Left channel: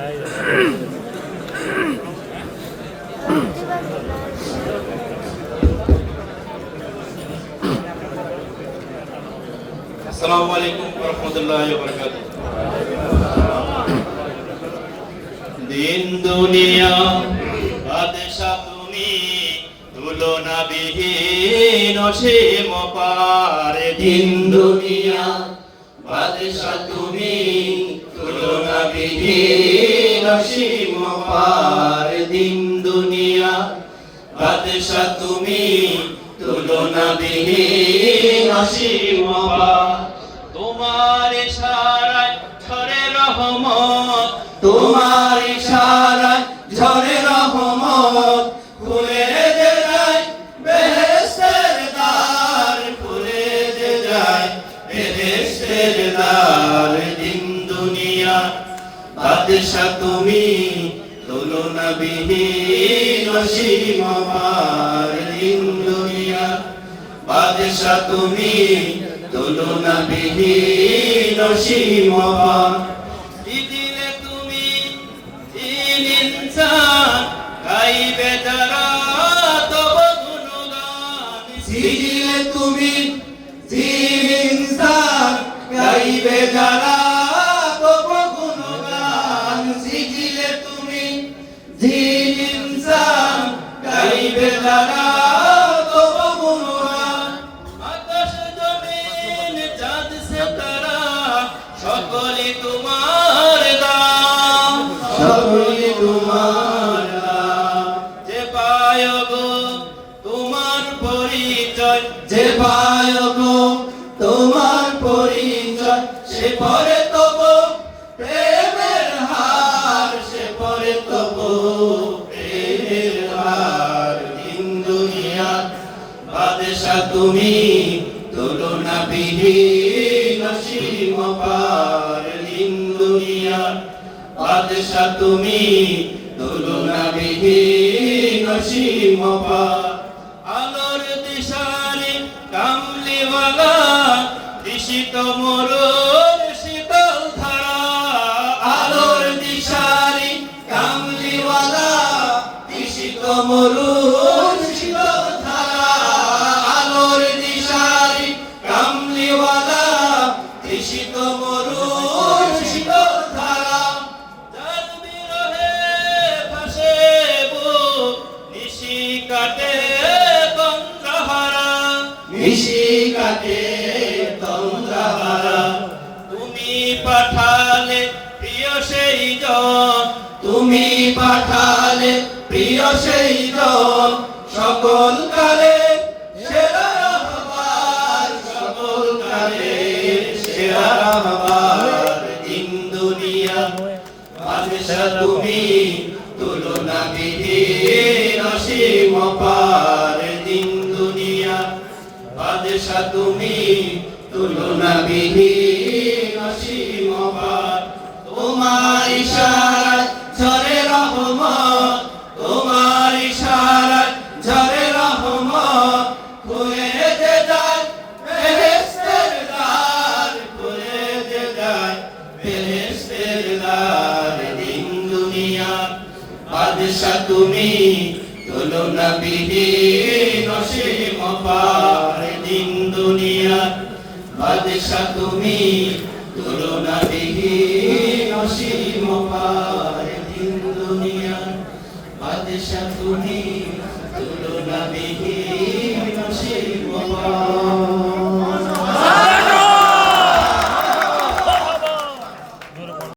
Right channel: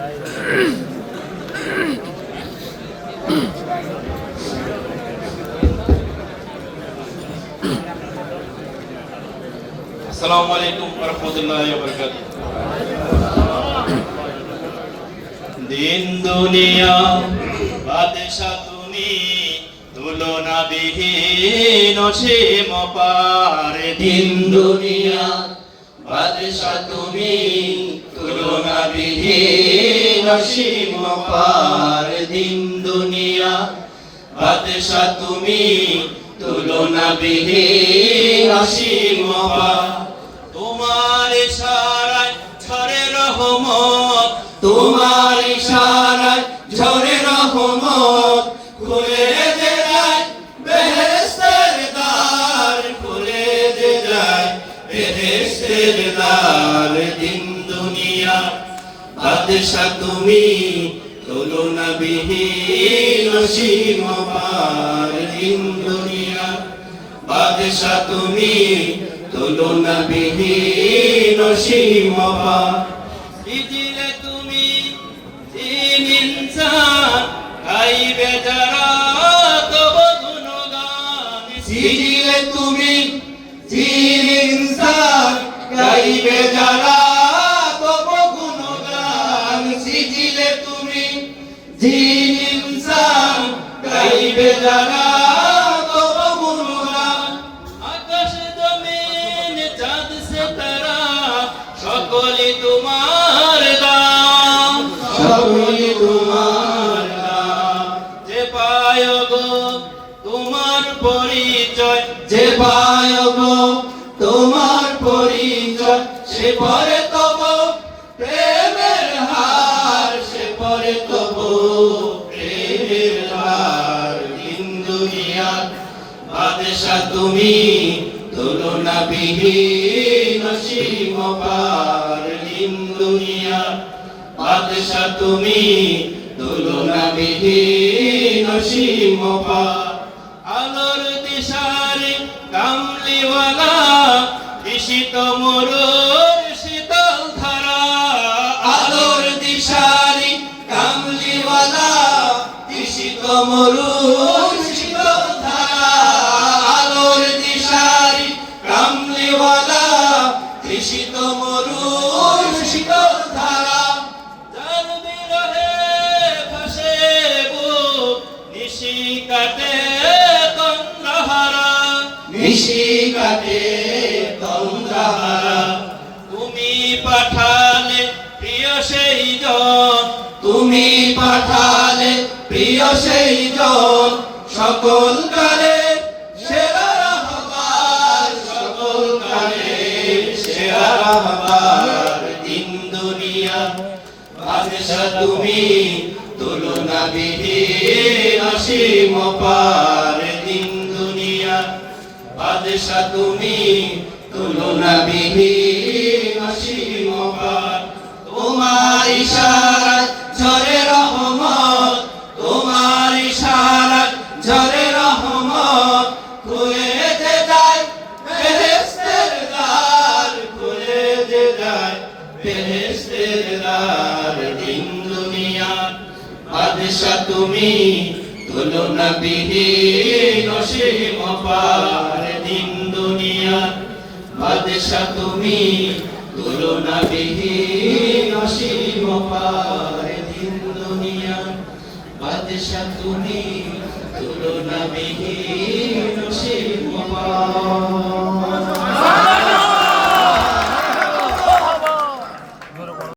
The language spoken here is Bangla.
আসসালামু আলাইকুম ওয়া রাহমাতুল্লাহি ওয়া বারাকাতুহু। দিন দুনিয়া বাদশা তুমি, তুলনা বিহীন অসীম পার। দিন দুনিয়া বাদশা তুমি, তুলনা বিহীন অসীম পার। দিন দুনিয়া বাদশা তুমি, তুলনা বিহীন অসীম পার। তোমার ইশারায় ঝরে রহমত, তোমার ইশারায় ঝরে রহমত। খুলে যে যায় বেহেশতের দ্বার, খুলে যে যায় বেহেশতের দ্বার। দিন দুনিয়া বাদশা তুমি, তুলনা বিহীন অসীম পার। দিন দুনিয়া বাদশা তুমি, তুলনা বিহীন অসীম পার। দিলে তুমি জিন ইনসান, গাইবে যারা তব গুণগান। দিলে তুমি জিন ইনসান, গাইবে যারা তব গুণগান। দিলে তুমি জিন ইনসান, গাইবে যারা তব গুণগান। আকাশ জমিন চাঁদ সিতারা, সকলে তোমার দান, সকলে তোমার দান। যে পায় গো তোমার পরিচয়, যে পায় গো তোমার পরিচয়, সে পরে তব প্রেমের হার, সে পরে তব প্রেমের হার। দিন দুনিয়া বাদশা তুমি, তুলনা বিহীন অসীম পার। দিন দুনিয়া বাদশা তুমি, তুলনা বিহীন অসীম পার। আলোর দিশারি কামলিওয়ালা, ঋষিত মরুর শীতল ধারা। আলোর দিশারি কামলিওয়ালা, ঋষিত মরুর শীতল ধারা। আলোর দিশারি কামলিওয়ালা, ঋষিত মরুর শীতল ধারা। যার বিরহে ভাসে বুক, নিশি কাটে তন্দ্রাহারা, নিশি কাটে তন্দ্রাহারা। তুমি পাঠালে প্রিয় সেই জন, তুমি পাঠালে প্রিয় সেই জন। সকল কালে সেরা রাহবার, সকল কালে সেরা রাহবার। দিন দুনিয়া বাদশা তুমি, তুলনা বিহীন অসীম পার। দিন দুনিয়া বাদশা তুমি, তুলনা বিহীন অসীম পার। তোমার ইশারায় ঝরে রহমত, তোমার ইশারায় ঝরে রহমত। খুলে যে যায় বেহেশতের দ্বার, খুলে যে যায় বেহেশতের দ্বার। দিন দুনিয়া বাদশা তুমি, তুলনা বিহীন অসীম পার। দিন দুনিয়া বাদশা তুমি, তুলনা বিহীন অসীম পার। দিন দুনিয়া বাদশা তুমি, তুলনা বিহীন